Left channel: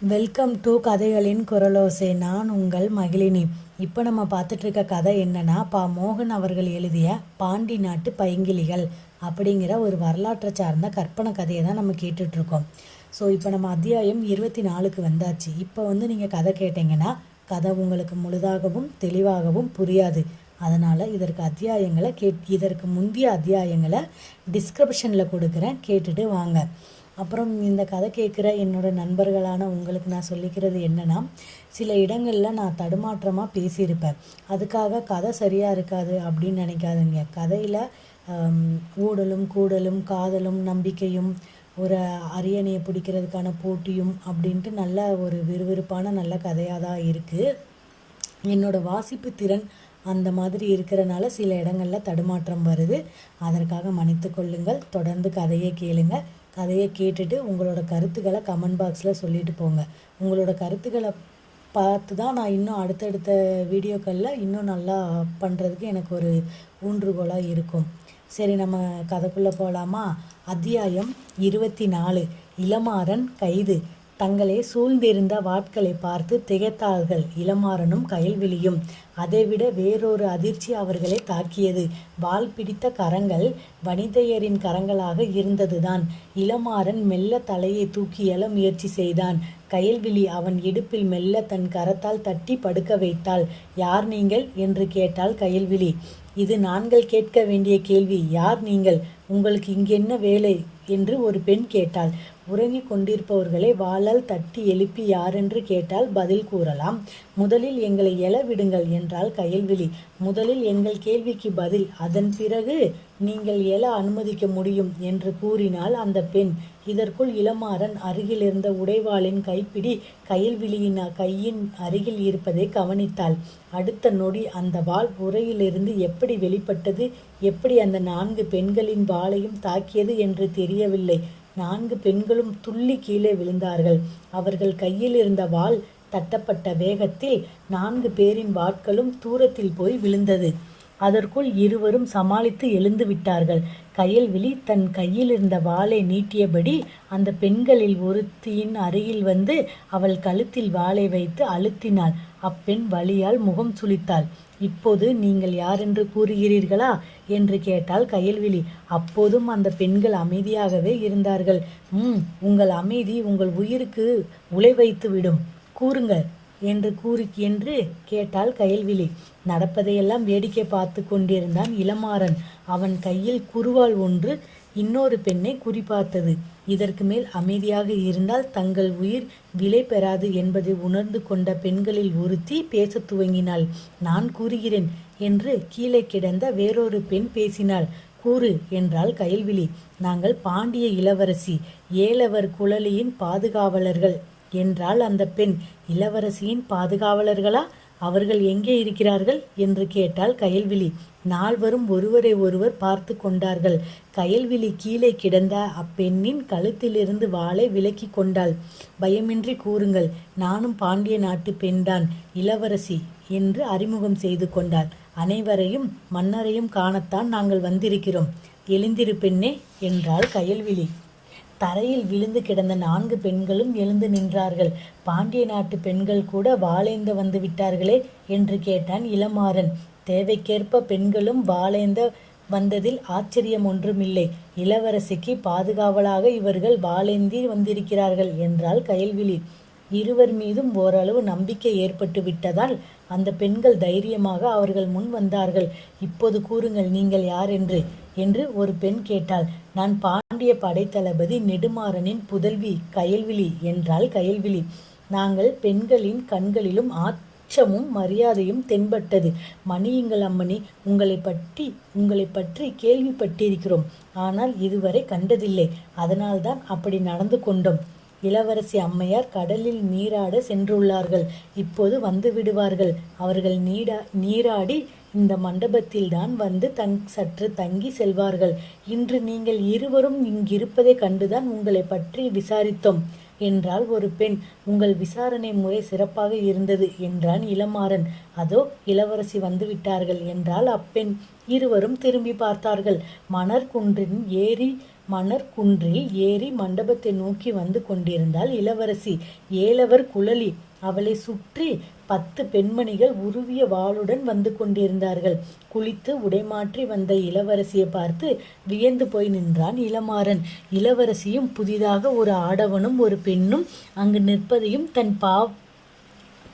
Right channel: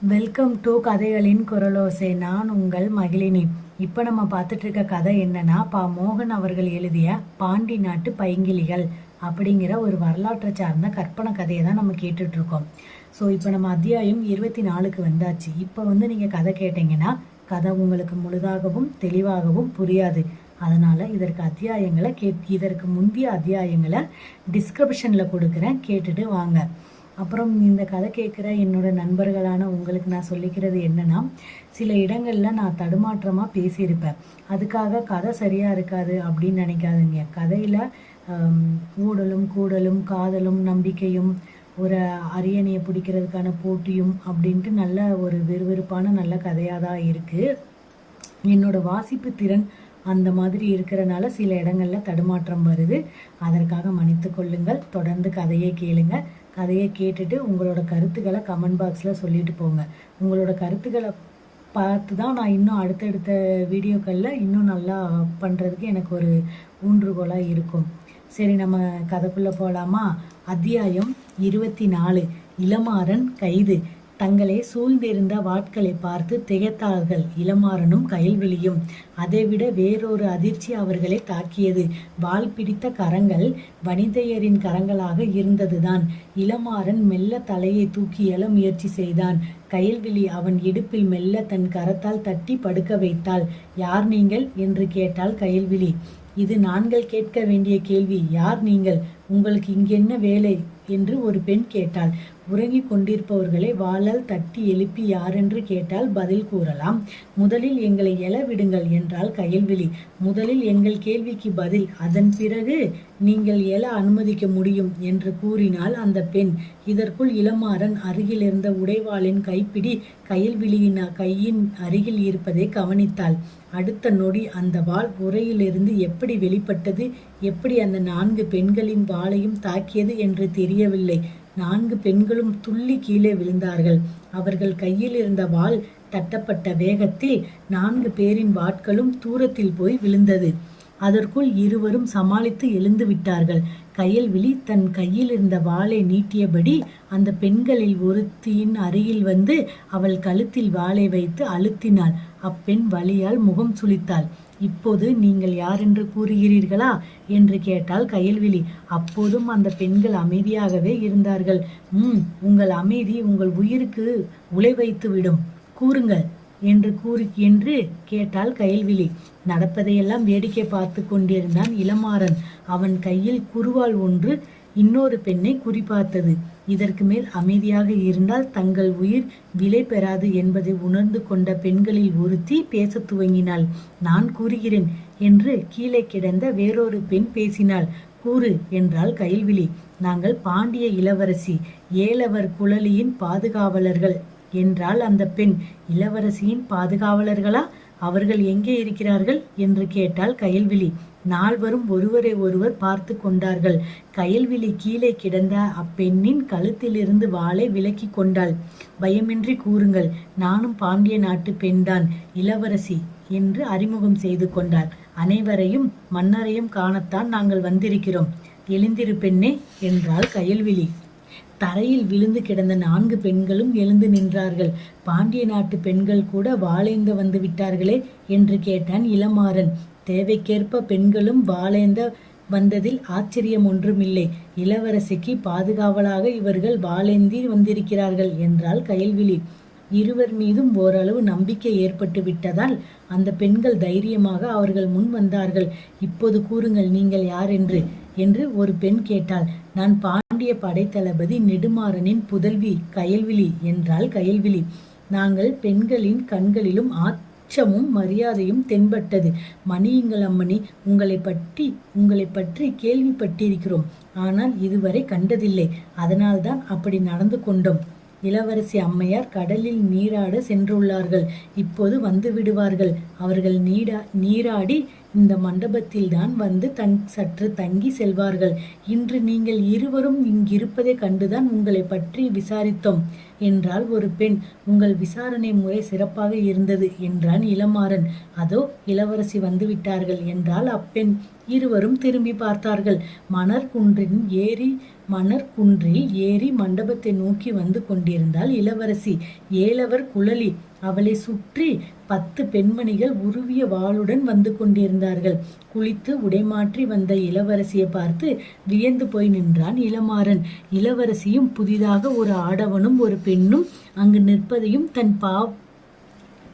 Welcome to கதைகளின் குரலோசை. நான் உங்கள் மகிழினி. இப்போ நம்ம பார்த்துட்டு இருக்க கதை என்னன்னா பா மோகன் அவர்கள் எழுதிய பாண்டி நாட்டு பைங்கிலிகள் அப்படிங்கிற ஒரு வரலாற்றை சார்ந்த கற்பனை கதையை தான் நம்ம கேட்டுட்டு இருக்கோம் ஸோ இப்போ நம்ம அத்தியாயம் இருபத்தி நாலுக்கு வந்தாச்சு. இப்போ வந்து நீங்கள் கதை கேட்டிங்கன்னா கதை உங்களுக்கு முழுதாகவும் தெளிவாகவும் புரியாது. அதனால் இதற்கு அத்தியாயங்களை கேட் இதற்கு முந்தைய அத்தியாயங்களை டிஸ்கிரிப்ஷனில் கொடுக்குறேன். கேட்டுட்டு வாங்க. அப்புறம் இந்த கதை கேட்குற என்னோட நண்பர்களான உங்களுக்கு நான் சொல்லிக்கிறது என்னென்னா சில இடங்களில் நான் தடுமாற்றமாக பேசியிருப்பேன். அதுக்காக கதை சரியாக இருக்காது அப்படின்னு நினைக்காதுங்க. கதையில் ஊடலும் கூடலும் காதலும் நம்பிக்கையும் ஒரு அரியணையை பிடிக்கிறதுக்கான போட்டியும் அப்படின்ட்டு நல்ல ஒரு விறுவிறுப்பான நல்ல கதையாக தான் இருக்குது என்னோட வாசிப்பு திறன் அந்த மாதிரி இருக்கிறனால சில இடங்களில் தடுமாற்றம் வருது. அதற்காக மன்னித்து கொள்ளுங்கள். தொடர்ந்து கதையை கேளுங்கள் கதையை கேட்டுட்டு உங்களோட கருத்துக்களை கமெண்ட் பாக்ஸில் சொல்லிட்டு போங்க. உங்களோட கருத்துக்களை பார்த்து தான் நான் இன்னும் அடுத்தடுத்த வீடியோக்களில் இன்னும் நல்லா பண்ணுறதுக்கு எனக்கு ஒரு ஊன்றுகோலாக இருக்கும். சரி நம்ம கதைக்குள்ளே போகலாமா அத்தியாயம் இருபத்தி நாலு. இளமாறன் கைது. தங்களை சூழ்ந்திருந்த வாட்களை பார்த்து திகைத்தார்கள். இளமாறனும் கயல்விழியும். அதைவிட வேறொரு அதிர்ச்சி அவர்களை தாக்கியது. வால் பிடித்த கரங்கள் வனிதையரின் கரங்களாக இருந்ததுதான். இளமாறன் மெல்ல தலையை தூக்கி எழ முயற்சி செய்தான். கயல்விழி அவன் இடுப்பில் மெல்ல தன் கரத்தால் தட்டி படுக்க வைத்தாள். யார் நீங்கள்? என்று கேட்டாள் கயல்விழி. இது நாங்கள் கேட்க வேண்டிய கேள்வி. யார் நீங்கள்? உங்களுக்கு இங்கென்ன வேலை? என்று ஒரு பெண் கேட்டாள். உறங்கிக் கொண்டிருப்பவர்களை வாளால் தட்டி எழுப்பி யாரென்று கேட்டால் பதில் கூறலாம். முதலில் எங்களை எழ விடுங்கள் என்றால் கயல்விழி. முதலில் எங்கள் கேள்விக்கு பதில் அதன் பிறகு நீங்கள் எழ அனுமதிக்க முடியும் என்று கூறினாள் அந்த பெண். இதற்குள் இளமாறன் அருகில் இருந்த உடைவாளின் கைப்பிடி கயல்விழியின் கையின் அருகில் இருப்பதை கவனித்தாள். அடுத்த நொடி அந்த வாள் உரையிலிருந்து எப்படி வெளிப்பட்டது எப்படி அந்த நான்கு பெண்களின் வாளையும் தாக்கியது என்று தெரியவில்லை. நான்கு பெண்களும் துள்ளி கீழே விழுந்தார்கள். அவர்கள் கையில் இருந்த வாள் தட்டப்பட்ட வேகத்தில் நான்கு பேரின் வாட்களும் தூரத்தில் போய் விழுந்தது. அதற்குள் இருவரும் சமாளித்து எழுந்து விட்டார்கள். கயல்விழி தன் கையில் இருந்த வாளை நீட்டியபடி அந்த பெண்களில் ஒருத்தியின் அருகில் வந்து அவள் கழுத்தில் வாளை வைத்து அழுத்தினாள். அப்பெண் வலியால் முகம் சுளித்தாள். இப்போது நீங்கள் யார் என்று கூறுகிறீர்களா? என்று கேட்டால் கயல்விழி. அப்போதும் அந்த பெண்கள் அமைதியாகவே இருந்தார்கள். ம் உங்கள் அமைதி உங்கள் உயிருக்கு உலை வைத்துவிடும். கூறுங்கள் என்று கூறு என்று கேட்டால் கயல்விழி. நடப்பதையெல்லாம் வேடிக்கை பார்த்து கொண்டிருந்தான் இளமாறன். அவன் கையில் குருவால் ஒன்று இன்னொரு பெண்ணை குறிப்பார்த்தது இதற்கு மேல் அமைதியாக இருந்தால் தங்கள் உயிர் விலை பெறாது என்பதை உணர்ந்து கொண்ட பெண்களில் ஒருத்தி பேசத் துவங்கினாள். நான் கூறுகிறேன் என்று கீழே கிடந்த வேறொரு பெண் பேசினாள். கூறு என்றாள் கயல்விழி. நாங்கள் பாண்டிய இளவரசி ஏலவர் குழலியின் பாதுகாவலர்கள் என்றால் அந்த பெண். இளவரசியின் பாதுகாவலர்களா? அவர்கள் எங்கே இருக்கிறார்கள் என்று கேட்டால் கயல்விழி. நால்வரும் ஒருவரை ஒருவர் பார்த்து கொண்டார்கள். கயல்விழி கீழே கிடந்த அப்பெண்ணின் கழுத்திலிருந்து வாளை விலக்கி கொண்டாள். பயமின்றி கூறுங்கள் நானும் பாண்டிய நாட்டு பெண்தான் இளவரசி என்று அறிமுகம் செய்து கொண்டாள் அனைவரையும் மன்னரையும் காணத்தான் நாங்கள் வந்திருக்கிறோம். எழுந்திரு பெண்ணே என்றாள் கயல்விழி. தரையில் விழுந்து கிடந்த நான்கு பெண்களும் எழுந்து நின்றார்கள். பாண்டிய நாட்டு பெண்கள் கூட வாழேந்த வந்து விட்டார்களே என்று கேட்டான் இளமாறன். தேவைக்கேற்ப பெண்களும் வாளேந்த வந்ததில் ஆச்சரியம் ஒன்றுமில்லை. இளவரசிக்கு பாதுகாவலாக இவர்கள் வாழேந்தி வந்திருக்கிறார்கள் என்றால் கயல்விழி. இருவர் மீதும் ஓரளவு நம்பிக்கை ஏற்பட்டு விட்டதால் அந்த பெண்கள் தைரியமாக அவர்கள் முன் வந்தார்கள். இப்போது கூறுங்கள் நீங்கள் யார் என்று? என்று ஒரு பெண் கேட்டாள். நான் பாண்டிய படைத்தளபதி நெடுமாறனின் புதல்வி கயல்விழி என்றால் கயல்விழி. நாங்கள் பெண்களின் கண்களிலும் அச்சமும் மரியாதையும் தென்பட்டது. மணியுங்கள் அம்மணி உங்களை பற்றி உங்களை பற்றி கேள்விப்பட்டிருக்கிறோம். ஆனால் இதுவரை கண்டதில்லை. அதனால்தான் அப்படி நடந்து கொண்டோம். இளவரசி அம்மையார் கடலில் நீராட சென்றுள்ளார்கள். இப்போது வந்து விடுவார்கள். அவர்கள் நீடா நீராடி இந்த மண்டபத்தில்தான் வந்து தங் சற்று தங்கி செல்வார்கள். இன்று நீங்கள் இருவரும் இங்கிருப்பதை கண்டுதான் உங்களை பற்றி விசாரித்தோம் என்றால் ஒரு பெண். உங்கள் விசாரணை முறை சிறப்பாக இருந்தது என்றான் இளமாறன். அதோ இளவரசி வந்துவிட்டார்கள் என்றால் அப்பெண். இருவரும் திரும்பி பார்த்தார்கள். மணற்குன்றின் ஏறி மணற்குன்றில் ஏறி மண்டபத்தை நோக்கி வந்து கொண்டிருந்தால் இளவரசி. ஏலவர் குழலி அவளை சுற்றி பத்து பெண்மணிகள் உருவிய வாளுடன் வந்து கொண்டிருந்தார்கள். குளித்து உடைமாற்றி வந்த இளவரசியை பார்த்து வியந்து போய் நின்றான் இளமாறன். இளவரசியும் புதிதாக ஒரு ஆடவனும் ஒரு பெண்ணும் அங்கு நிற்பதையும் தன் பா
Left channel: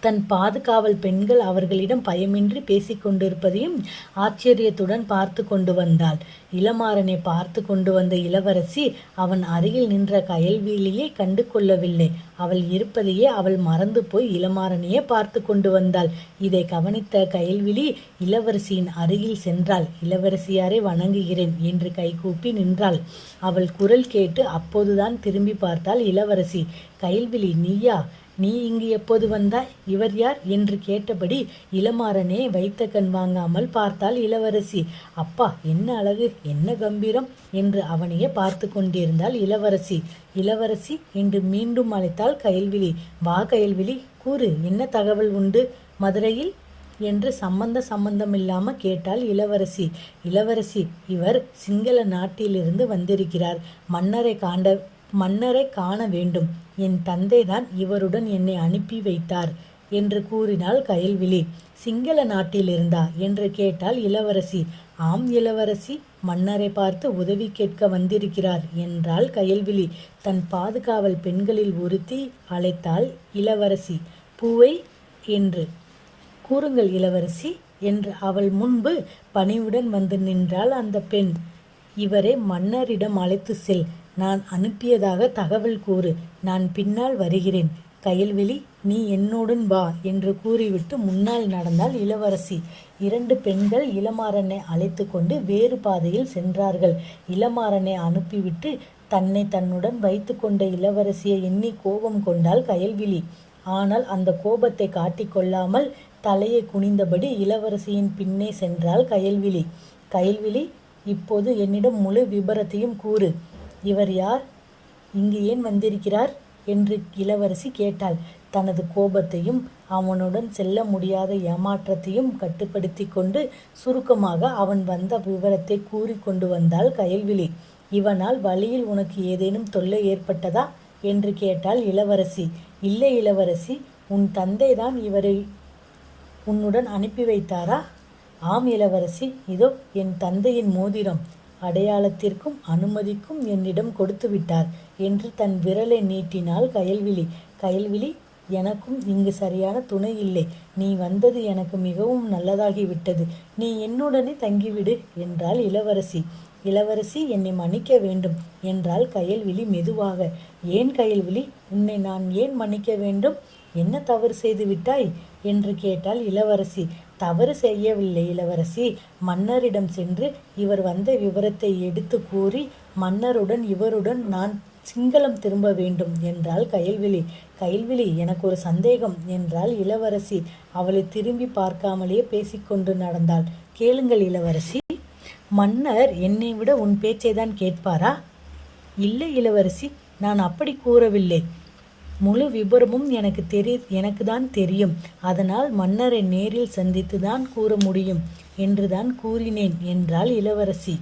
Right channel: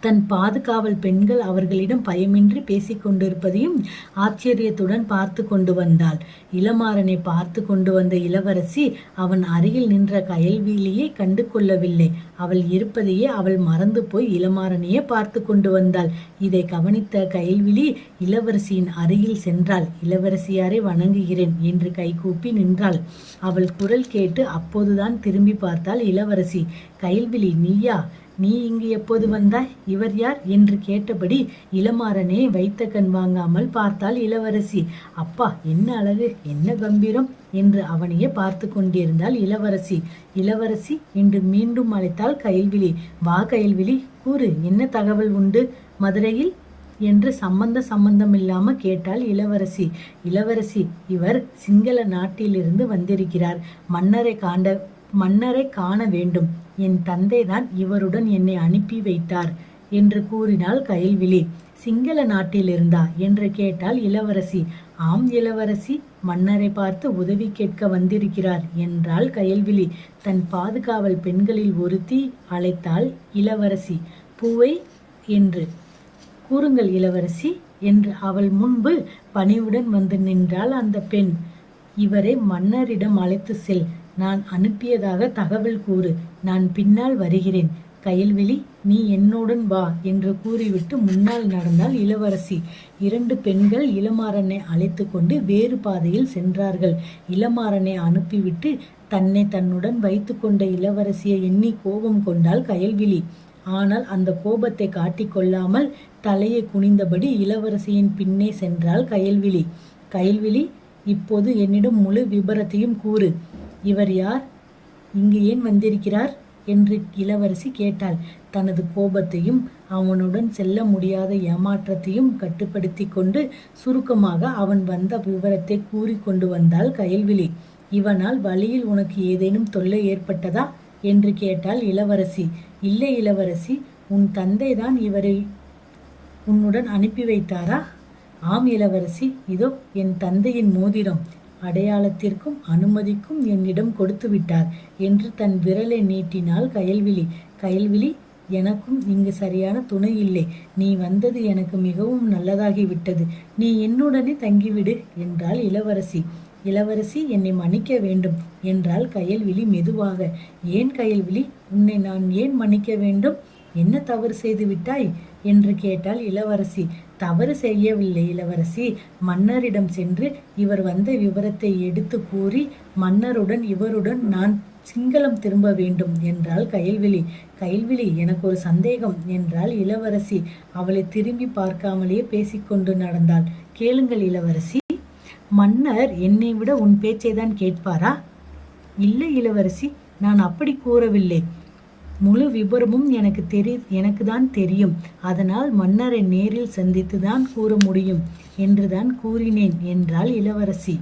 தன் பாதுகாவல் பெண்கள் அவர்களிடம் பயமின்றி பேசிக்கொண்டிருப்பதையும் ஆச்சரியத்துடன் பார்த்து கொண்டு வந்தாள். இளமாறனை பார்த்து கொண்டு வந்த இளவரசி அவன் அருகில் நின்ற கயல்வீலியை கண்டு கொள்ளவில்லை அவள் இருப்பதையே அவள் மறந்து போய் இளமாறனையே பார்த்து கொண்டு வந்தாள். இதை கவனித்த கயல்விழி இளவரசியின் அருகில் சென்றாள். இளவரசியாரை வணங்குகிறேன் என்று கைகூப்பி நின்றாள். அவள் குரல் கேட்டு அப்போதுதான் திரும்பி பார்த்தாள் இளவரசி. கயல்விழி நீயா? நீ இங்கு எப்போது வந்தாய்? இவர் யார்? என்று கேட்டபடி இளமாறனே வைத்த கண் வாங்காமல் பார்த்தாள் இளவரசி. அப்பா என்ன அழகு என்ன கம்பீரம் என்று அவனையே பார்த்து கொண்டிருந்தாள் இளவரசி. இளவரசி என்று மீண்டும் அழைத்தாள் கயல்விழி. வா கயல்விழி கூறு என்ன தகவல் உண்டு? மதுரையில்? என்று சம்பந்த சம்பந்தம் இல்லாம கேட்டாள் இளவரசி. இளவரசி இவர் சிங்கள நாட்டிலிருந்து வந்திருக்கிறார். மன்னரை காண்ட மன்னரை காண வேண்டும். என் தந்தைதான் இவருடன் என்னை அனுப்பி வைத்தார் என்று கூறினாள் கயல்விழி. சிங்கள நாட்டில் இருந்தா என்று கேட்டாள் இளவரசி. ஆம் இளவரசி மன்னரை பார்த்து உதவி கேட்க வந்திருக்கிறார் என்றாள் கயல்விழி. தன் பாதுகாவல் பெண்களில் ஒருத்தி அழைத்தாள் இளவரசி. பூவை என்று. கூறுங்கள் இளவரசி என்று அவள் முன்பு பணிவுடன் வந்து நின்றாள் அந்த பெண். இவரை மன்னரிடம் அழைத்து செல். நான் அனுப்பியதாக தகவல் கூறு. நான் பின்னால் வருகிறேன். கயல்விழி நீ என்னுடன் வா என்று கூறிவிட்டு முன்னால் நடந்தால் இளவரசி. இரண்டு பெண்கள் இளமாறனை அழைத்து கொண்டு வேறு பாதையில் சென்றார்கள். இளமாறனை அனுப்பிவிட்டு தன்னை தன்னுடன் வைத்து கொண்ட இளவரசியை எண்ணி கோபம் கொண்டாள் கயல்விழி. ஆனால் அந்த கோபத்தை காட்டிக்கொள்ளாமல் தலையை குனிந்தபடி இளவரசியின் பின்னே சென்றாள் கயல்விழி. கயல்விழி இப்போது என்னிடம் முழு விபரத்தையும் கூறு. இவர் யார்? இங்கு ஏன் வந்திருக்கிறார்? என்று இளவரசி கேட்டாள். தனது கோபத்தையும் அவனுடன் செல்ல முடியாத ஏமாற்றத்தையும் கட்டுப்படுத்தி கொண்டு சுருக்கமாக அவன் வந்த விவரத்தை கூறி கொண்டு வந்தாள் கயல்விழி. இவனால் வழியில் உனக்கு ஏதேனும் தொல்லை ஏற்பட்டதா? என்று கேட்டாள் இளவரசி. இல்லை இளவரசி உன் தந்தை தான் இவரை உன்னுடன் அனுப்பி வைத்தாரா? ஆம் இளவரசி இதோ என் தந்தையின் மோதிரம். அடையாளத்திற்கும் அனுமதிக்கும் என்னிடம் கொடுத்து விட்டார் என்று தன் விரலை நீட்டினாள் கயல்விழி. கயல்விழி எனக்கும் இங்கு சரியான துணை இல்லை. நீ வந்தது எனக்கு மிகவும் நல்லதாகிவிட்டது. நீ என்னுடனே தங்கிவிடு என்றாள் இளவரசி. இளவரசி என்னை மன்னிக்க வேண்டும் என்றாள் கயல்விழி மெதுவாக. ஏன் கயல்விழி? உன்னை நான் ஏன் மன்னிக்க வேண்டும்? என்ன தவறு செய்து விட்டாய் என்று கேட்டாள் இளவரசி. தவறு செய்யவில்லை இளவரசி. மன்னரிடம் சென்று இவர் வந்த விவரத்தை எடுத்து கூறி மன்னருடன் இவருடன் நான் சிங்களம் திரும்ப வேண்டும் என்றாள் கயல்விழி. கயல்விழி எனக்கு ஒரு சந்தேகம் என்றாள் இளவரசி. அவளை திரும்பி பார்க்காமலேயே பேசிக்கொண்டு நடந்தாள். கேளுங்கள் இளவரசி மன்னர் என்னை விட உன் பேச்சை தான் கேட்பாரா? இல்லை இளவரசி நான் அப்படி கூறவில்லை. முழு விபரமும் எனக்கு தெரி எனக்கு தான் தெரியும். அதனால் மன்னரை நேரில் சந்தித்து தான் கூற முடியும் என்று தான் கூறினேன் என்றாள் இளவரசி.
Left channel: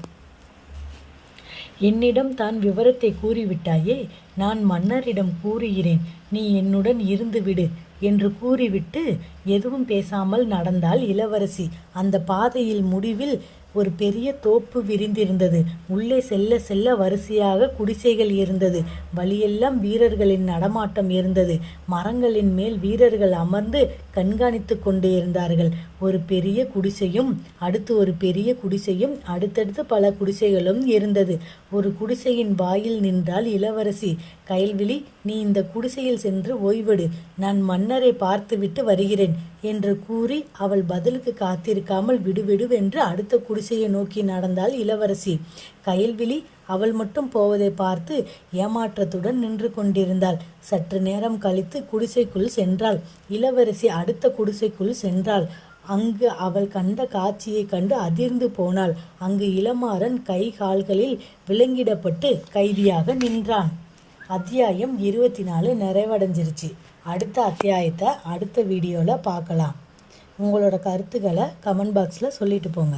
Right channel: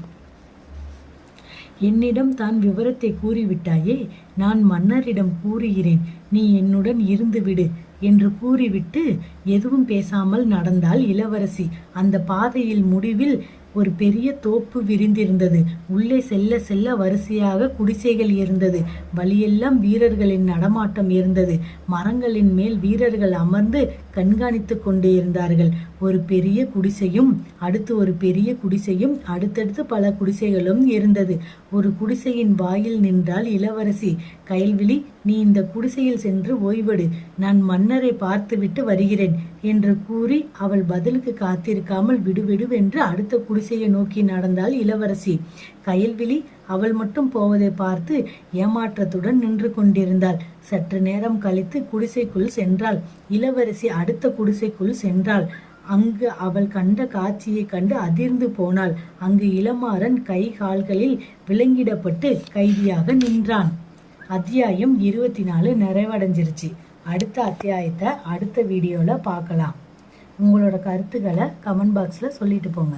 என்னிடம் தான் விவரத்தை கூறிவிட்டாயே நான் மன்னரிடம் கூறுகிறேன். நீ என்னுடன் இருந்துவிடு என்று கூறிவிட்டு எதுவும் பேசாமல் நடந்தாள் இளவரசி. அந்த பாதையில் முடிவில் ஒரு பெரிய தோப்பு விரிந்திருந்தது. உள்ளே செல்ல செல்ல வரிசையாக குடிசைகள் இருந்தது. வழியெல்லாம் வீரர்களின் நடமாட்டம் இருந்தது. மரங்களின் மேல் வீரர்கள் அமர்ந்து கண்காணித்து கொண்டே இருந்தார்கள். ஒரு பெரிய குடிசையும் அடுத்து ஒரு பெரிய குடிசையும் அடுத்தடுத்து பல குடிசைகளும் இருந்தது. ஒரு குடிசையின் வாயில் நின்றால் இளவரசி கைல்விழி நீ இந்த குடிசையில் சென்று ஓய்வெடு. நான் மன்னரை பார்த்துவிட்டு வருகிறேன். என்று கூறி அவள் பதிலுக்கு காத்திருக்காமல் விடுவிடுவென்று அடுத்த குடிசையை நோக்கி நடந்தாள் இளவரசி. கயல்விழி அவள் மட்டும் போவதை பார்த்து ஏமாற்றத்துடன் நின்று கொண்டிருந்தாள். சற்று நேரம் கழித்து குடிசைக்குள் சென்றாள். இளவரசி அடுத்த குடிசைக்குள் சென்றாள். அங்கு அவள் கண்ட காட்சியை கண்டு அதிர்ந்து போனாள். அங்கு இளமாறன் கை கால்களில் விலங்கிடப்பட்டு கைதியாக நின்றான். அத்தியாயம் இருபத்தி நாலு நிறைவடைஞ்சிருச்சு. அடுத்த அத்தியாயத்தை அடுத்த வீடியோவில் பார்க்கலாம். உங்களோட கருத்துக்களை கமெண்ட் பாக்ஸில் சொல்லிட்டு போங்க.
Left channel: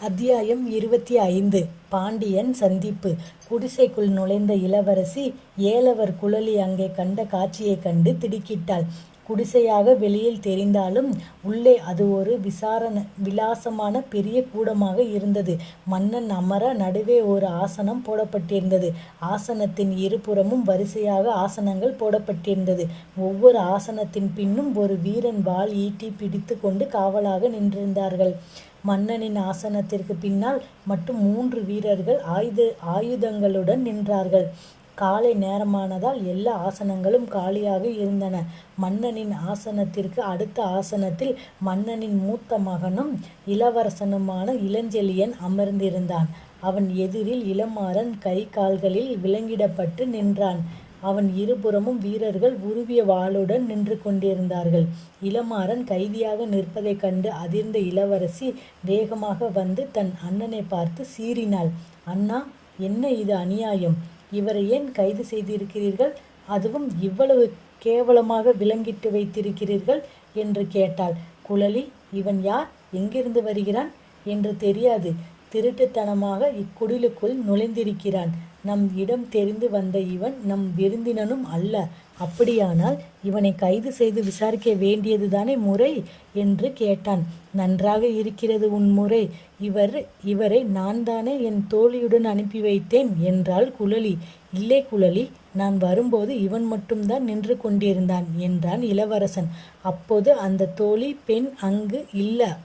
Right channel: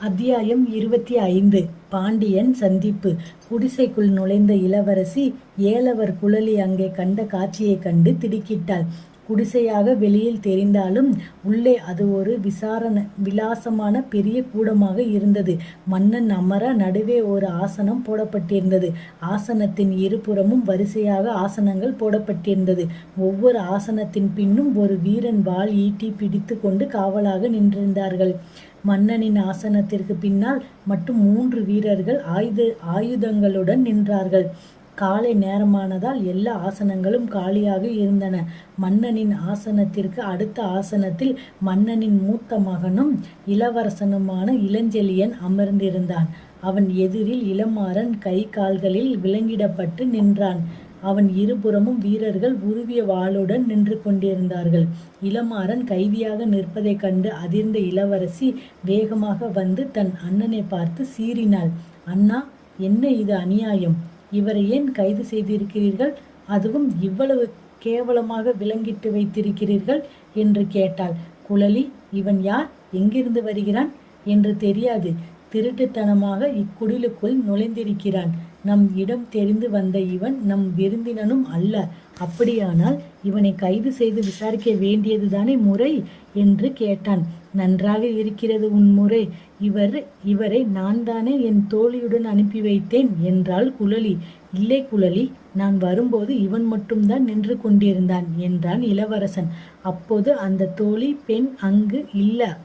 அத்தியாயம் இருபத்தி ஐந்து பாண்டியன் சந்திப்பு. குடிசைக்குள் நுழைந்த இளவரசி ஏலவர் குழலி அங்கே கண்ட காட்சியைக் கண்டு திடுக்கிட்டாள். குடிசையாக வெளியில் தெரிந்தாலும் உள்ளே அது ஒரு விசாரண விலாசமான பெரிய கூடமாக இருந்தது. மன்னன் அமர நடுவே ஒரு ஆசனம் போடப்பட்டிருந்தது. ஆசனத்தின் இருபுறமும் வரிசையாக ஆசனங்கள் போடப்பட்டிருந்தது. ஒவ்வொரு ஆசனத்தின் பின்னும் ஒரு வீரன் வாள் ஈட்டி பிடித்து கொண்டு காவலாக நின்றிருந்தார்கள். மன்னனின் ஆசனத்திற்கு பின்னால் மட்டும் மூன்று வீரர்கள் ஆயுத ஆயுதங்களுடன் நின்றார்கள். காலை நேரமானதால் எல்லா ஆசனங்களும் காலியாக இருந்தன. மன்னனின் ஆசனத்திற்கு அடுத்த ஆசனத்தில் மன்னனின் மூத்த மகனும் இளவரசனுமான இளஞ்செழியன் அமர்ந்திருந்தான். அவன் எதிரில் இளமாறன் கை கால்களில் விலங்கிடப்பட்டு நின்றான். அவன் இருபுறமும் வீரர்கள் உருவிய வாளுடன் நின்று கொண்டிருந்தார்கள். இளமாறன் கைதியாக நிற்பதைக் கண்டு அதிர்ந்த இளவரசி வேகமாக வந்து தன் அண்ணனை பார்த்து சீறினாள். அண்ணா என்ன இது அநியாயம்? இவரை ஏன் கைது செய்திருக்கிறீர்கள்? அதுவும் இவ்வளவு கேவலமாக விலங்கிட்டு வைத்திருக்கிறீர்கள் என்று கேட்டாள். குழலி இவன் யார்? எங்கிருந்து வருகிறான்? என்று தெரியாது. திருட்டுத்தனமாக இக்குடிலுக்குள் நுழைந்திருக்கிறான். நம் இடம் தெரிந்து வந்த இவன் நம் விருந்தினனும் அல்ல. அப்படியானால் இவனை கைது செய்து விசாரிக்க வேண்டியதுதானே முறை? என்று கேட்டான். நன்றாக இருக்கிறது உன் முறை. இவர் இவரை நான் தானே என் தோழியுடன் அனுப்பி வைத்தேன் என்றாள் குழலி. இல்லை குழலி நான் வரும்போது இவன் மட்டும்தான் நின்று கொண்டிருந்தான் என்றான் இளவரசன். அப்போது அந்த தோழி பெண் அங்கு இல்ல.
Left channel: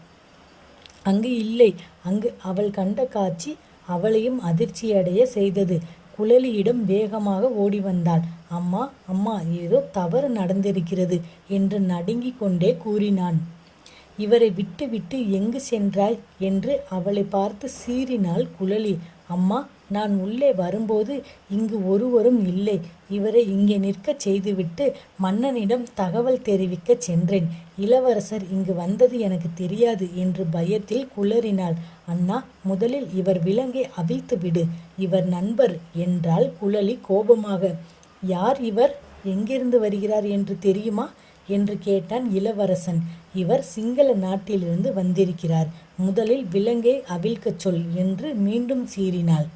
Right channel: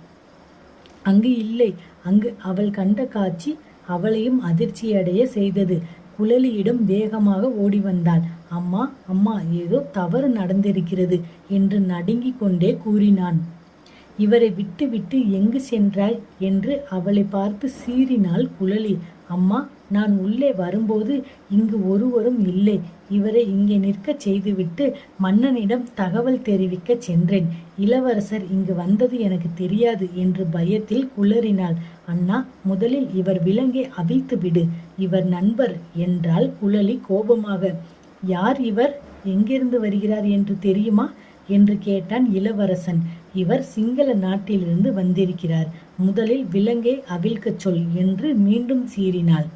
அங்கு இல்லை. அங்கு அவள் கண்ட காட்சி அவளையும் அதிர்ச்சியடைய செய்தது. குழலியிடம் வேகமாக ஓடி வந்தாள் அம்மா அம்மா ஏதோ தவறு நடந்திருக்கிறது என்று நடுங்கிக் கொண்டே கூறினான். இவரை விட்டு விட்டு எங்கு சென்றாய்? என்று அவளை பார்த்து சீறினாள் குழலி. அம்மா நான் உள்ளே வரும்போது இங்கு ஒருவரும் இல்லை. இவரை இங்கே நிற்கச் செய்துவிட்டு மன்னனிடம் தகவல் தெரிவிக்க சென்றேன். இளவரசர் இங்கு வந்தது எனக்கு தெரியாது என்று பயத்தில் குளறினாள். அண்ணா முதலில் இவர் விலங்கை அவிழ்த்து விடு. இவர் நண்பர் என்றால் குழலி கோபமாக. யார் இவர்? எங்கிருந்து வருகிறார் என்று தெரியுமா? என்று கேட்டான் இளவரசன். இவர் சிங்கள நாட்டிலிருந்து வந்திருக்கிறார். முதலில் விலங்கை அவிழ்க்கச் சொல் என்று மீண்டும் சீறினாள்.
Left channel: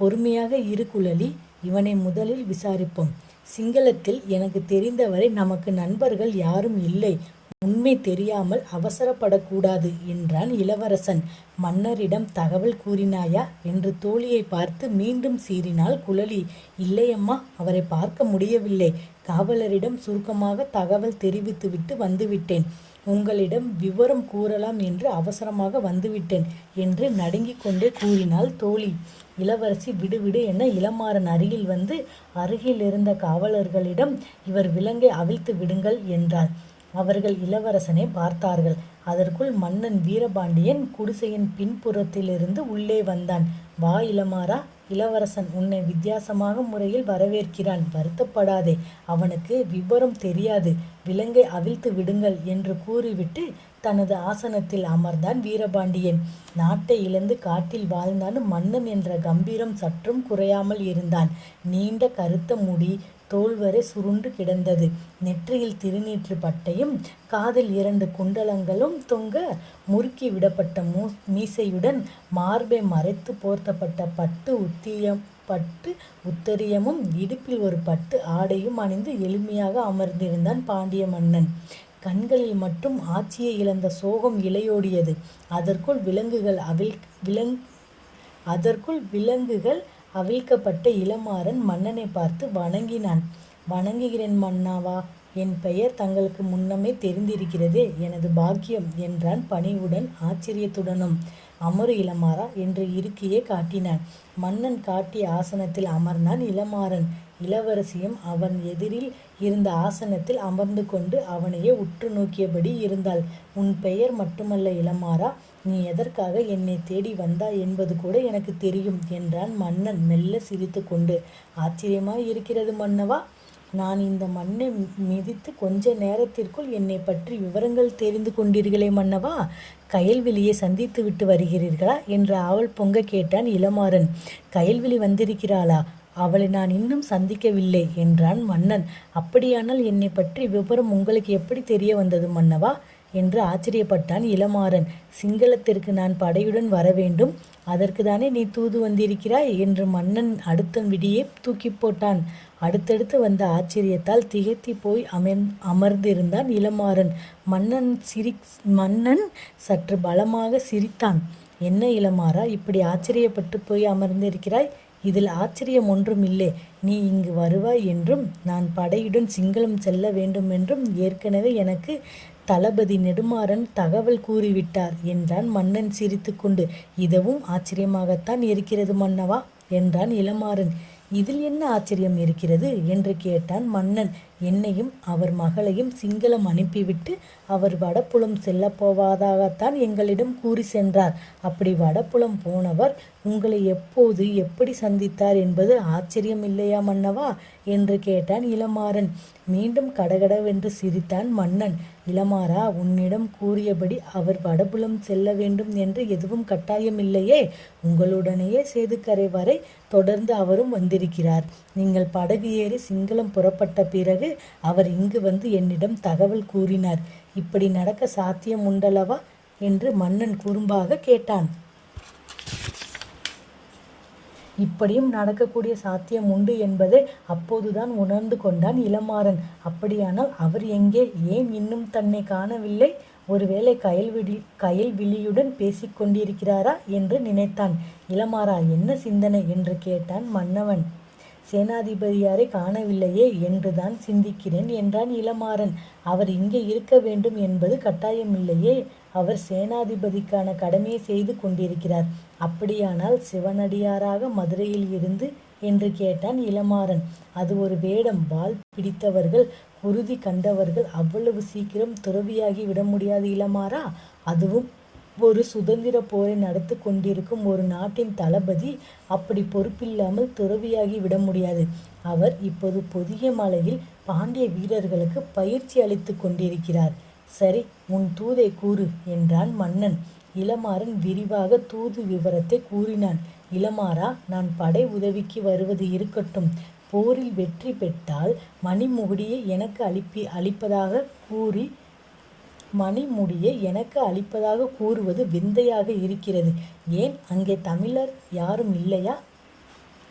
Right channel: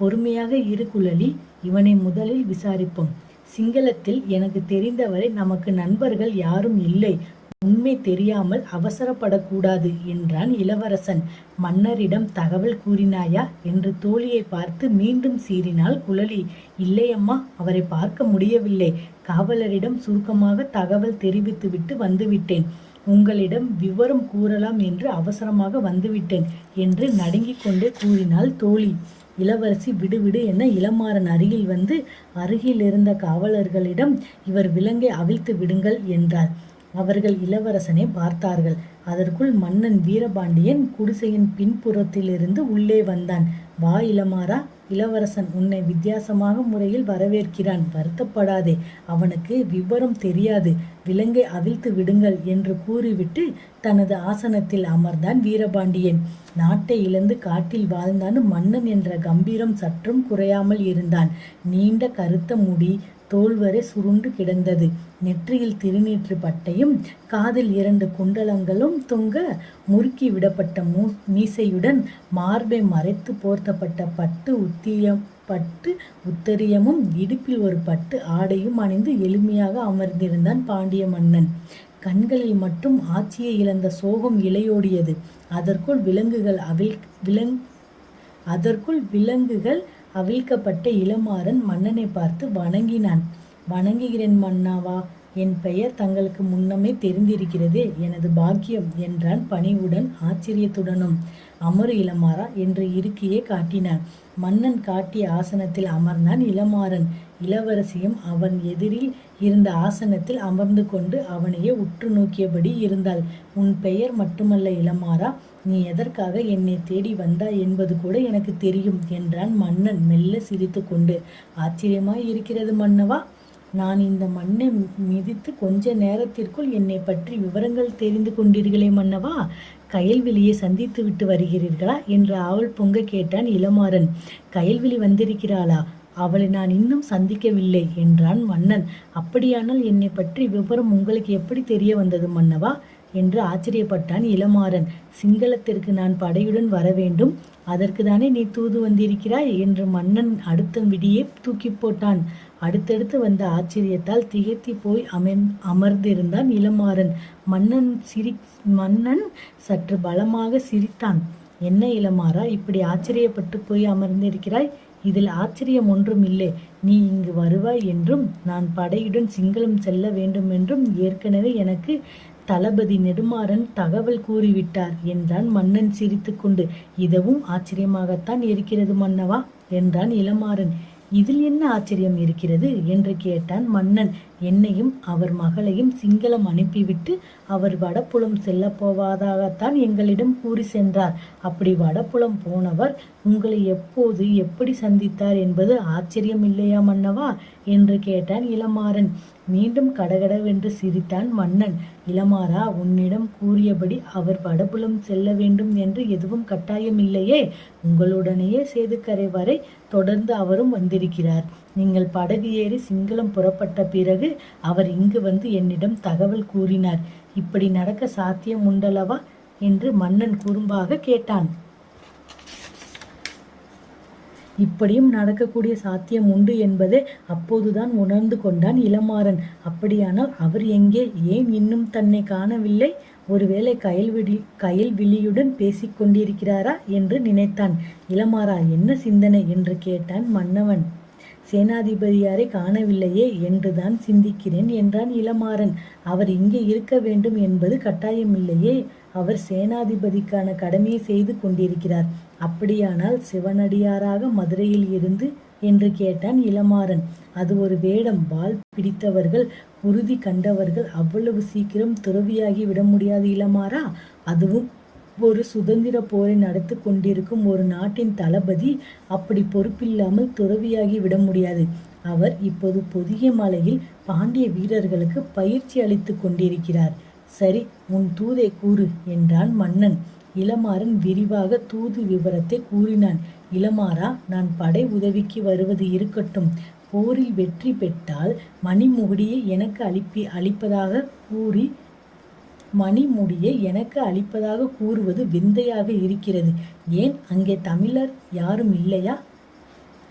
பொறுமையாக இரு குழலி இவனை முதலில் விசாரிப்போம். சிங்களத்தில் எனக்கு தெரிந்தவரை நமக்கு நண்பர்கள் யாரும் இல்லை. உண்மை தெரியாமல் அவசரப்படக்கூடாது என்றான் இளவரசன். மன்னரிடம் தகவல் கூறினாயா? என்று தோழியை பார்த்து மீண்டும் சீறினாள் குழலி. இல்லையம்மா அவரை பார்க்க முடியவில்லை. காவலரிடம் சுருக்கமாக தகவல் தெரிவித்துவிட்டு வந்துவிட்டேன். உங்களிடம் விவரம் கூறலாம் என்று அவசரமாக வந்துவிட்டேன் என்று நடுங்கிக் கொண்டே கூறினாள் தோழி. இளவரசி விடுவிடு என இளமாறன் அருகில் வந்து அருகில் இருந்த காவலர்களிடம் இவர் விலங்கை அவிழ்த்து விடுங்கள் என்றார் அவர்கள் இளவரசனை பார்த்தார்கள். அதற்குள் மன்னன் வீரபாண்டியன் குடிசையின் பின்புறத்திலிருந்து உள்ளே வந்தான். வா இளமாறா இளவரசன் உன்னை வித்தியாசமாக முறையில் வரவேற்கிறான். வருத்தப்படாதே அவனுக்கு விவரம் தெரியாது. விலங்கை அவிழ்த்து விடுங்கள் என்று கூறிவிட்டு தனது ஆசனத்தில் அமர்ந்தான் வீரபாண்டியன். நாட்டை இழந்து காட்டில் வாழ்ந்தான் மன்னன் என்ற கம்பீரம் சற்றும் குறையாமல் இருந்தான். நீண்ட கருத்த முடி தோல்வரை சுருண்டு கிடந்தது. நெற்றியில் திருநீற்று பட்டையும் காதில் இரண்டு குண்டலங்களும் தொங்க முறுக்கி விடப்பட்ட மூ மீசையுடன் மார்பை மறைத்து போர்த்தப்பட்ட பட்டு உத்தியம் பட்டு உத்தரியமும் இடுப்பில் ஒரு பட்டு ஆடையும் அணிந்து எளிமையாக அமர்ந்திருந்தான் பாண்டிய மன்னன். கண்களில் மட்டும் ஆட்சியை இழந்த சோகம் இலையோடியது. அதற்குள் விலங்குகள் அவில் விலங் அதற்குள் விலங்குகள் அவிழ்க்கப்பட்ட இளமாறன் மன்னனை பார்த்து வணங்கினான். வணங்குகிறேன் மன்னாவா? என் பெயர் தங்களுக்கு முன்னமே தெரிந்திருக்கிறது. எனது பாக்கியம் என்றான் பணிவுடன் ஆச்சரியத்துடனும். அமரு இளமாறா என்று இருக்கையே காட்டினான். மன்னன் காட்டிய ஆசனத்தில் அமர்ந்தான் இளமாறன். இளவரசியும் அவன் எதிரில் இருந்த ஆசனத்தில் அமர்ந்து கொண்டு அவனையே உற்று நோக்கியபடி இருந்தாள். உன் பெயர் மட்டுமல்ல இளமாறா. நீ எதற்காக என்னை தேடி வந்தாய் என்பது கூட எனக்கு தெரியும் என்றான் மன்னன் மெல்ல சிரித்து கொண்டு. ஆச்சரியமாய் இருக்கிறது மன்னவா நான் இந்த மண்ணை மிதித்து கொஞ்ச நேரத்திற்குள் என்னை பற்றி விவரங்கள் தெரிந்து கொண்டீர்களே மன்னவா கயல்விழியை சந்தித்து விட்டு வருகிறீர்களா என்று ஆவல் பொங்க கேட்டான் இளமாறன். கயல்விழி வந்திருக்கிறாளா அவளை நான் இன்னும் சந்திக்கவில்லை என்றான் மன்னன். அப்படியானால் என்னை பற்றி விவரம் உங்களுக்கு எப்படி தெரிய வந்தது மன்னவா என்று ஆச்சரியப்பட்டான் இளமாறன். சிங்களத்திற்கு நான் படையுடன் வர வேண்டும். அதற்கு தானே நீ தூது வந்திருக்கிறாய்? என்று மன்னன் அடுத்த விடியே தூக்கி போட்டான். அடுத்தடுத்து வந்த ஆச்சரியத்தால் திகைத்தி போய் அமர் அமர்ந்திருந்தான் இளமாறன். மன்னன் சிரி மன்னன் சற்று பலமாக சிரித்தான். என்ன இளமாறா இப்படி ஆச்சரியப்பட்டு போய் அமர்ந்திருக்கிறாய்? இதில் ஆச்சரியம் ஒன்றும் இல்லை நீ இங்கு வருவாய் என்றும் நான் படையுடன் சிங்களம் செல்ல வேண்டும் என்றும் ஏற்கனவே எனக்கு தளபதி நெடுமாறன் தகவல் கூறிவிட்டார் என்றான் மன்னன் சிரித்துக்கொண்டு. இதுவும் ஆச்சரியமாகத்தான் இருக்கிறது மன்னவா? என்றான் இளமாறன். இதில் என்ன ஆச்சரியம் இருக்கிறது? என்று கேட்டான் மன்னன். என்னையும் அவர் மகளையும் சிங்களம் அனுப்பிவிட்டு அவர் வடப்புலம் செல்ல போவதாகத்தான் எங்களிடம் கூறி சென்றார். அப்படி வடப்புலம் போனவர் உங்களை எப்போது எப்படி சந்தித்தார் என்பது ஆச்சரியம் இல்லையா மன்னவா? என்று கேட்டான் இளமாறன். மீண்டும் கடகடவென்று சிரித்தான் மன்னன். இளமாறா உன்னிடம் கூறியபடி அவர் வடபுலம் செல்ல வேண்டும் என்று எதுவும் கட்டாயமில்லையே. உங்களுடனேயே சேதுக்கரை வரை தொடர்ந்து அவரும் வந்திருக்கிறார். நீங்கள் படகு ஏறி சிங்களம் புறப்பட்ட பிறகு அவர் இங்கு வந்து என்னிடம் தகவல் கூறினார். இப்படி நடக்க சாத்தியம் உண்டல்லவா? என்று மன்னன் குறும்பாக கேட்டான். இப்படியும் நடக்கக்கூடிய சாத்தியம் உண்டு என்பதை அப்போதுதான் உணர்ந்து கொண்டான் இளமாறன். அப்படியானால் அவர் எங்கே? ஏன் இன்னும் தன்னை காணவில்லை? ஒருவேளை கயல்விழி கயல்விழியுடன் பேசிக் பேசிக்கொண்டிருக்கிறாரா என்று நினைத்தான். இளமாறா என்ன சிந்தனை? என்று கேட்டான் மன்னவன். சேனாதிபதியாரை காணவில்லையே என்றுதான் சிந்திக்கிறேன் என்றான் இளமாறன். அவர் இங்கே இருக்க வேண்டும் என்பது கட்டாயமில்லையே. அவர் சேனாதிபதிக்கான கடமையை செய்து கொண்டிருக்கிறார். அப்படியானால் சிவனடியாராக மதுரையில் இருந்து என்று கேட்டான் இளமாறன். அது ஒரு வேடம். வால் பிடித்தவர்கள் உறுதி கண்டவர்கள் அவ்வளவு சீக்கிரம் துறவியாகி விட முடியாது இளமாறா. அதுவும் ஒரு சுதந்திர போரை நடத்தி கொண்டிருக்கும் ஒரு நாட்டின் தளபதி அப்படி பொறுப்பில்லாமல் துறவியாகி விட முடியாது. அவர் இப்போது பொதிய மலையில் பாண்டிய வீரர்களுக்கு பயிற்சி அளித்து கொண்டிருக்கிறார். சரி உன் தூதை கூறு என்றான் மன்னன். இளமாறன் விரிவாக தூது விவரத்தை கூறினான். இளமாறா நான் படை உதவிக்கு வருவது இருக்கட்டும். போரில் வெற்றி பெற்றால் மணிமுகுடியை எனக்கு அளிப்பி அளிப்பதாக கூறி மணிமுடியை எனக்கு அளிப்பதாக கூறுவது விந்தையாக இருக்கிறது. ஏன்? அங்கே தமிழர் யாரும் இல்லையா?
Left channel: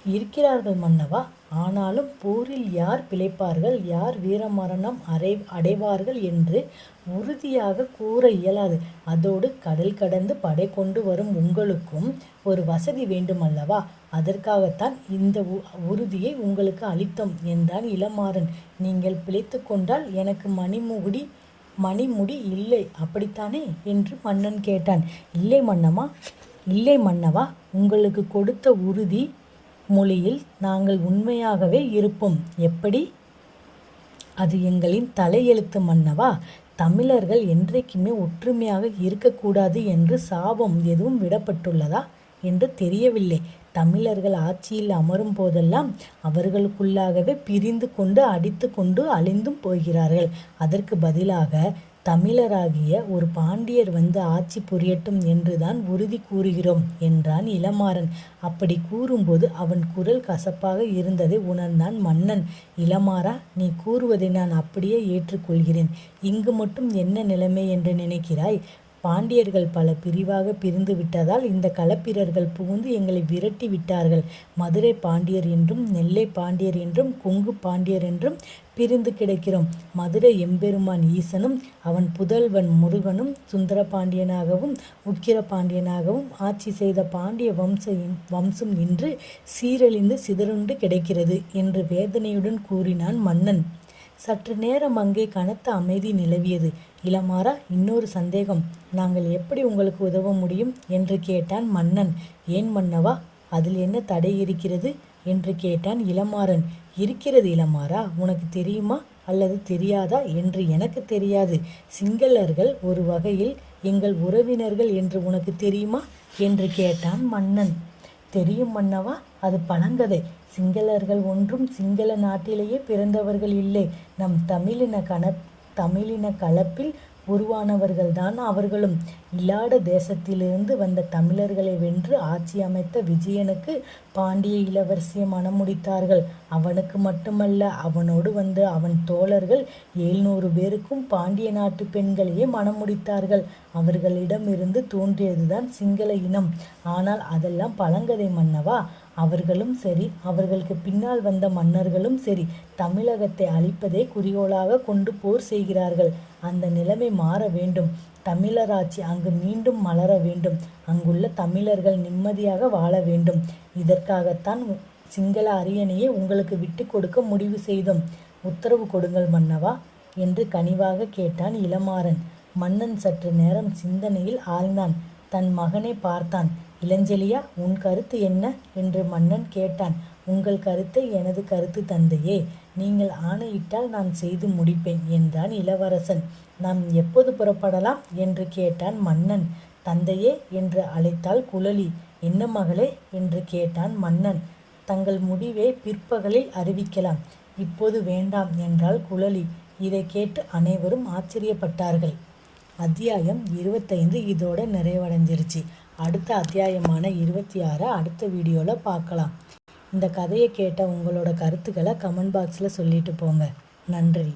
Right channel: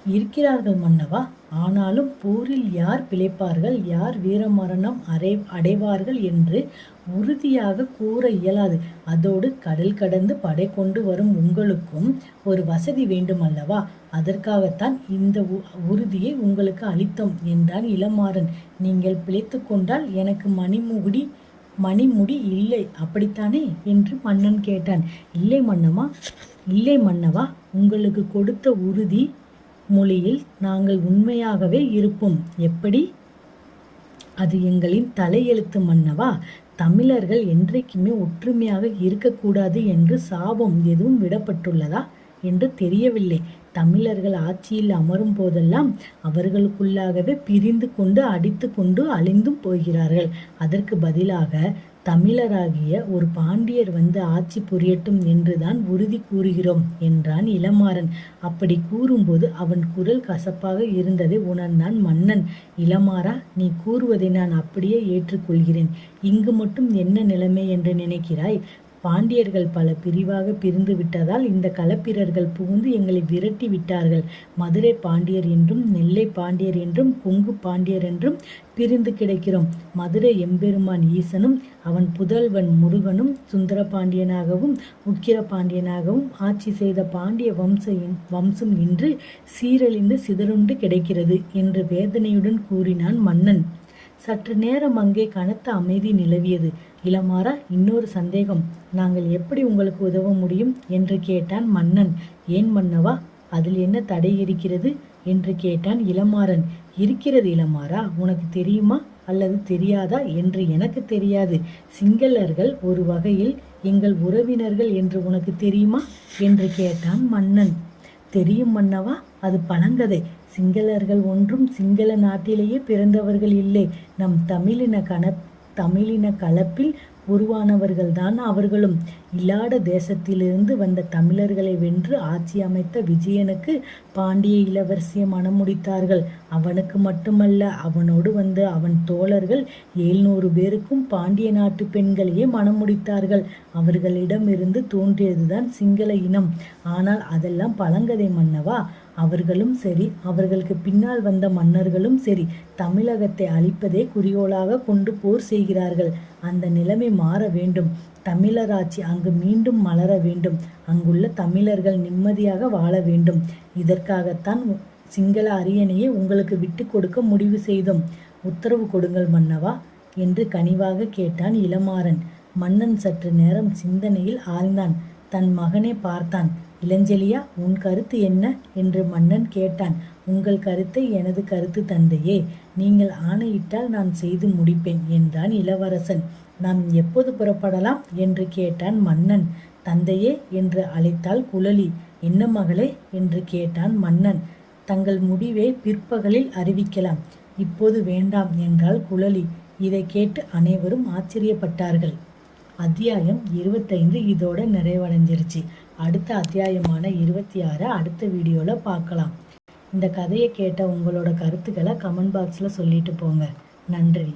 இருக்கிறார்கள் மன்னவா? ஆனாலும் போரில் யார் பிழைப்பார்கள்? யார் வீரமரணம் அடை அடைவார்கள் என்று உறுதியாக கூற இயலாது. அதோடு கடல் கடந்து படை கொண்டு வரும் உங்களுக்கும் ஒரு வசதி வேண்டுமல்லவா? அதற்காகத்தான் இந்த உறுதியை உங்களுக்கு அளித்தோம் என்றான் இளமாறன். நீங்கள் பிழைத்து கொண்டால் எனக்கு மணிமுகுடி மணிமுடி இல்லை. அப்படித்தானே? என்று மன்னன் கேட்டான். இல்லை மன்னமா இல்லை மன்னவா உங்களுக்கு கொடுத்த உறுதி மொழியில் நாங்கள் உண்மையாகவே இருப்போம். எப்படி? அது எங்களின் தலையெழுத்து மன்னவா தமிழர்கள் என்றைக்குமே ஒற்றுமையாக இருக்கக்கூடாது என்று சாபம் எதுவும் விடப்பட்டுள்ளதா என்று தெரியவில்லை. தமிழர்கள் ஆட்சியில் அமரும் போதெல்லாம் அவர்களுக்குள்ளாகவே பிரிந்து கொண்டு அடித்து கொண்டு அழிந்தும் போகிறார்கள். அதற்கு பதிலாக தமிழராகிய ஒரு பாண்டியர் வந்து ஆட்சி புரியட்டும் என்றுதான் உறுதி கூறுகிறோம் என்றான் இளமாறன். அப்படி கூறும்போது அவன் குரல் கசப்பாக இருந்ததை உணர்ந்தான் மன்னன். இளமாறா நீ கூறுவதை நான் அப்படியே ஏற்றுக்கொள்கிறேன். இங்கு மட்டும் என்ன நிலைமை என்று நினைக்கிறாய்? பாண்டியர்கள் பல பிரிவாக பிரிந்து விட்டதால் இந்த களப்பிரர்கள் புகுந்து எங்களை விரட்டி விட்டார்கள். மதுரை பாண்டியர் என்றும் நெல்லை பாண்டியர் என்றும் கொங்கு பாண்டியர் என்றும் பிரிந்து கிடக்கிறோம். மதுரை எம்பெருமான் ஈசனும் அவன் புதல்வன் முருகனும் சுந்தர பாண்டியனாகவும் உக்கிர பாண்டியனாகவும் ஆட்சி செய்த பாண்டிய வம்ச வம்சம் இன்று சீரழிந்து சிதறுண்டு கிடைக்கிறது என்று வேதனையுடன் கூறினான் மன்னன். சற்று நேரம் அங்கே கனத்த அமைதி நிலவியது. இளமாறா இன்னொரு சந்தேகம். நாங்கள் எப்படி உங்களுக்கு உதவ முடியும்? என்று கேட்டான் மன்னன். ஏன் மன்னவா அதில் என்ன தடை இருக்கிறது? என்று கேட்டான் இளமாறன். இருக்கிறது இளமாறா உனக்கு தெரியுமா அல்லது தெரியாதா என்று எனக்கு தெரியாது. சிங்களர்கள் ஒரு வகையில் எங்கள் உறவினர்கள் என்று உனக்கு தெரியுமா? என்று கேட்டான் மன்னன். தெரியும் மன்னவா அது பழங்கதை. சிங்களர்கள் ஒன்றும் சிங்கள நாட்டிலேயே பிறந்தவர்கள் இல்லை. நம் தமிழின கண தமிழின கலப்பில் உருவானவர்கள்தான் அவர்களும். இல்லாட தேசத்திலிருந்து வந்த தமிழர்களை வென்று ஆட்சி அமைத்த விஜயனுக்கு பாண்டிய இளவரசியை மணமுடித்தார்கள். அவனுக்கு மட்டுமல்ல அவனோடு வந்த அவன் தோழர்கள் எழுநூறு பேருக்கும் பாண்டிய நாட்டு பெண்களையே மணம் முடித்தார்கள் அவர்களிடமிருந்து தோன்றியதுதான் சிங்கள இனம். ஆனால் அதெல்லாம் பழங்கதை மன்னவா? அவர்களும் சரி அவர்களுக்கு பின்னால் வந்த மன்னர்களும் சரி தமிழகத்தை அழிப்பதே குறிக்கோளாக கொண்டு போர் செய்கிறார்கள். அந்த நிலைமை மாற வேண்டும். தமிழராட்சி அங்கு மீண்டும் மலர வேண்டும். அங்குள்ள தமிழர்கள் நிம்மதியாக வாழ வேண்டும். இதற்காகத்தான் சிங்கள அரியணையை உங்களுக்கு விட்டு கொடுக்க முடிவு செய்தோம். உத்தரவு கொடுங்கள் மன்னவா என்று கனிவாக கேட்டான் இளமாறன். மன்னன் சற்று நேரம் சிந்தனையில் ஆழ்ந்தான். தன் மகனை பார்த்தான். இளஞ்செலியா உன் கருத்து என்ன? என்று மன்னன் கேட்டான். உங்கள் கருத்தை எனது கருத்து தந்தையே நீங்கள் ஆணையிட்டால் நான் செய்து முடிப்பேன் என்றான் இளவரசன். நாம் எப்போது புறப்படலாம்? என்று கேட்டான் மன்னன். தந்தையே என்று அழைத்தாள் குழலி. என்ன மகளே? என்று கேட்டான் மன்னன். தங்கள் முடிவை பிற்பகலில் அறிவிக்கலாம். இப்போது வேண்டாம் என்றாள் குழலி. இதை கேட்டு அனைவரும் ஆச்சரியப்பட்டார்கள். அத்தியாயம் இருபத்தைந்து இதோட நிறைவடைஞ்சிருச்சு. அடுத்த அத்தியாயமான இருபத்தி ஆறை அடுத்த வீடியோவில் பார்க்கலாம். இந்த கதையை கேட்ட உங்களோட கருத்துக்களை கமெண்ட் பாக்ஸில் சொல்லிட்டு போங்க. நன்றி.